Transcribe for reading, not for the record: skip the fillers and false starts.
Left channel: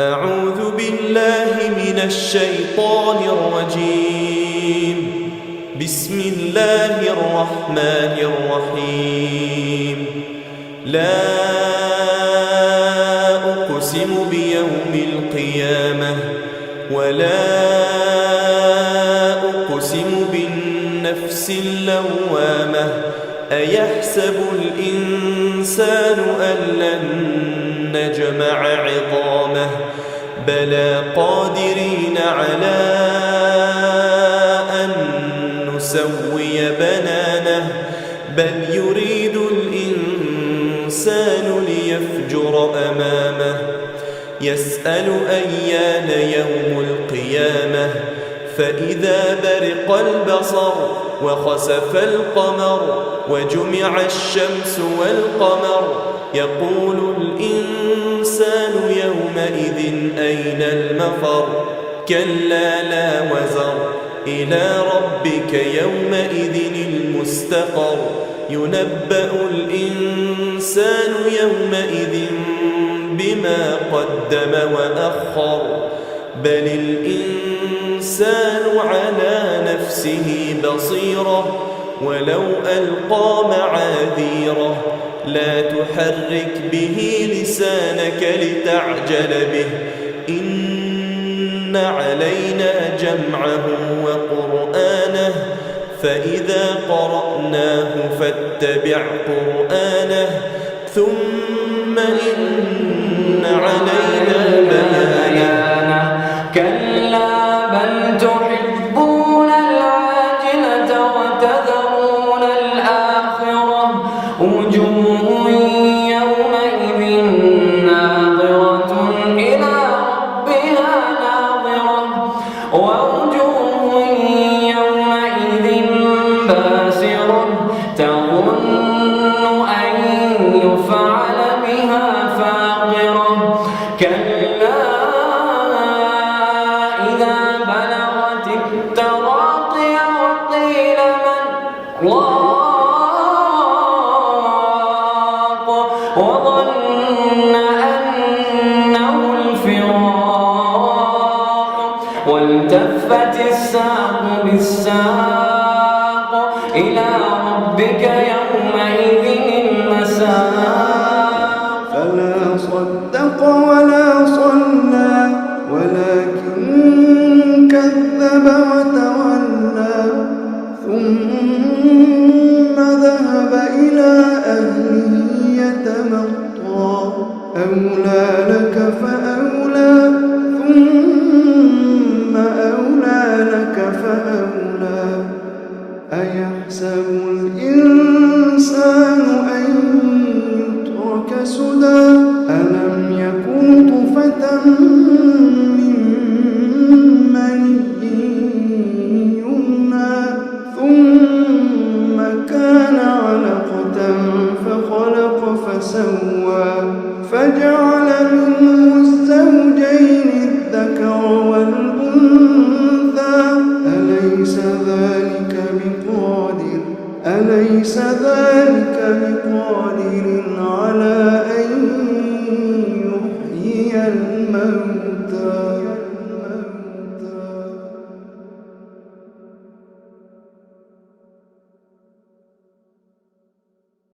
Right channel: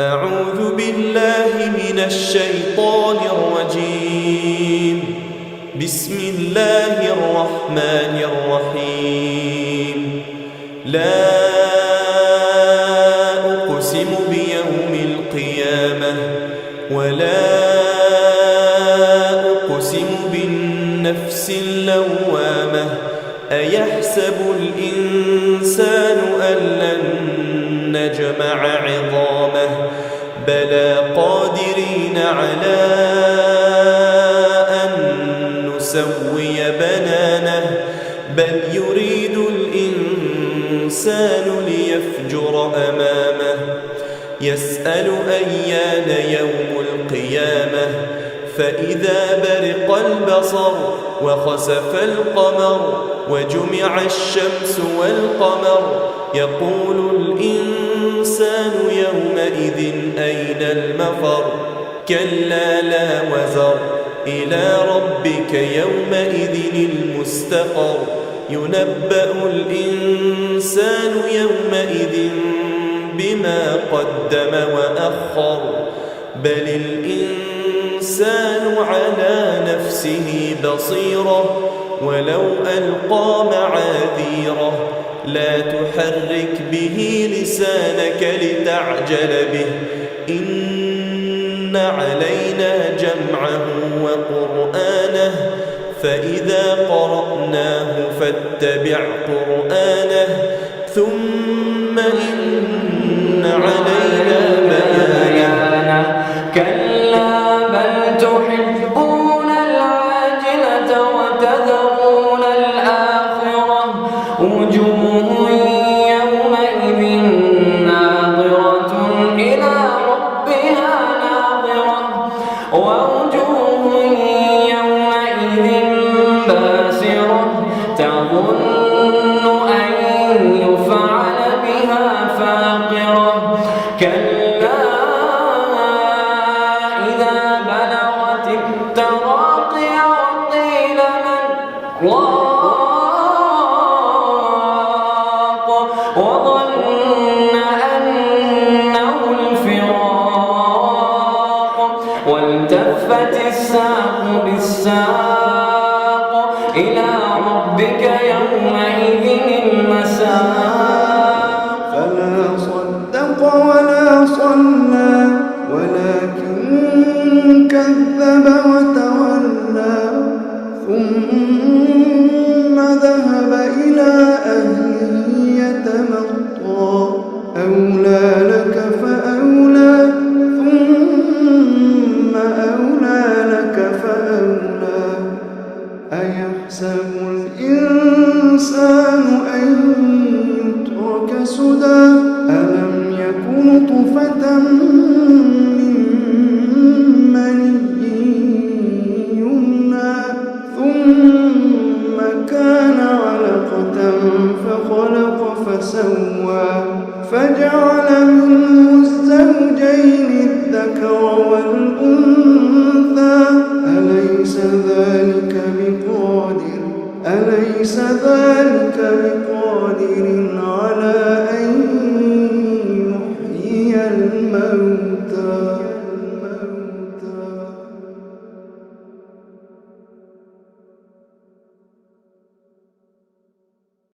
أعوذ بالله من الشيطان الرجيم. بسم الله الرحمن الرحيم. لا أقسم بيوم القيامة ولا أقسم بالنفس اللوامة. أيحسب الإنسان أن لن نجمع عظامه بلى قادرين على أن نسوي بنانه بل يريد الإنسان ليفجر أمامه يسأل أيان يوم القيامة فإذا برق البصر وخسف القمر وجمع الشمس والقمر يقول الإنسان يومئذ أين المفر كلا لا وزر إلى ربك يومئذ المستقر ينبأ الإنسان يومئذ بما قدم وأخر بل الإنسان على نفسه بصيرة ولو ألقى معاذيره لا تحرك به لسانك لتعجل به إن علينا جمعه وقرآنه فإذا قرأناه فاتبع قرآنه ثم إن علينا بيانه كلا بل تحبون العاجلة وتذرون الآخرة وجوه يومئذ ناظرة إلى ربها ناظرة ووجوه يومئذ باسرة تظن أن يفعل بها فاقرة كلا إذا بلغت التراقي وقيل من راق وظن أنه الفراق والتفت الساق بالساق إلى ربك يومئذ المساق فلا صدق ولا صلى ولكن كذب وتولى ثم ذهب إلى أهله يتمطى أولى لك فأولى ثم أولى لك فأولى أيحسب الإنسان أن يترك سدى ألم يكن طفة من مني يمنى ثم كان علقة فخلق فسوى فجعل منه الزوجين الذكر والأنثى أليس ذلك بقادر على